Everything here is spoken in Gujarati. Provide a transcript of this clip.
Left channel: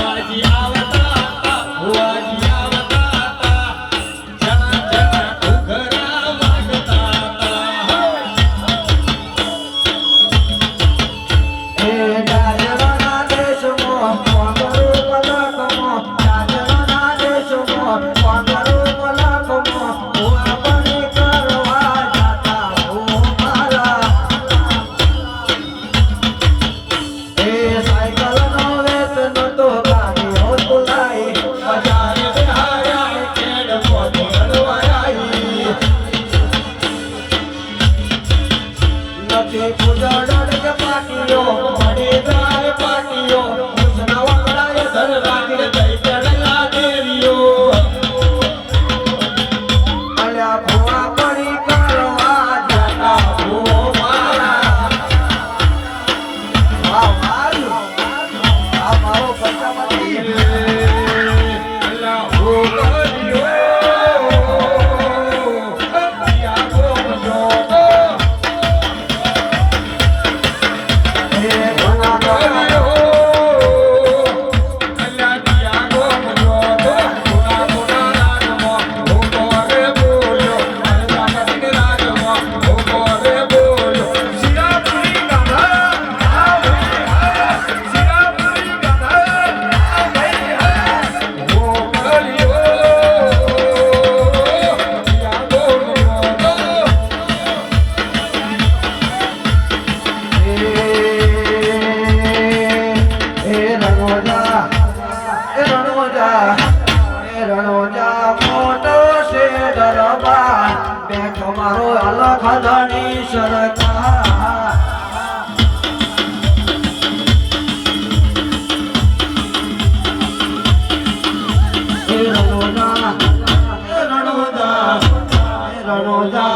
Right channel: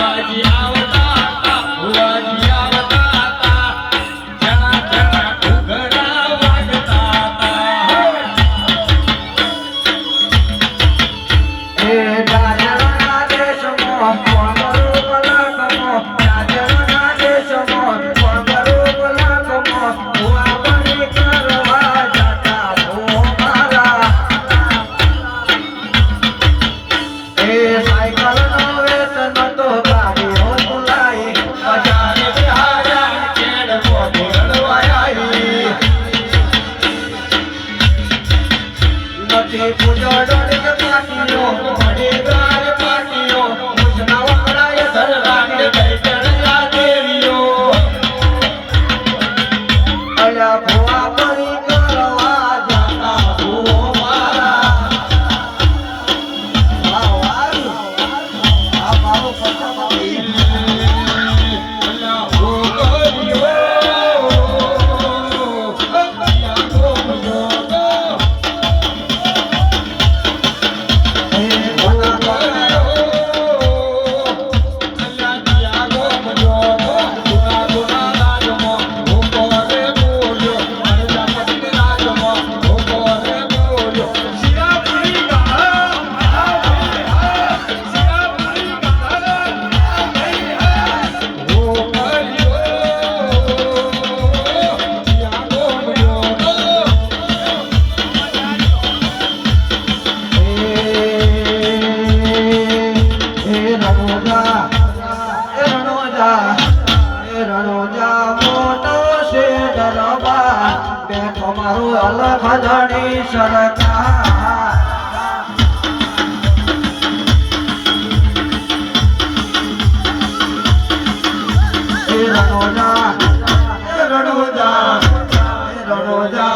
Lagi. નથી પૂજડો કે પાટીઓ મળી ગાય ધણી સરતા રણોદા રણોદા રણોદા.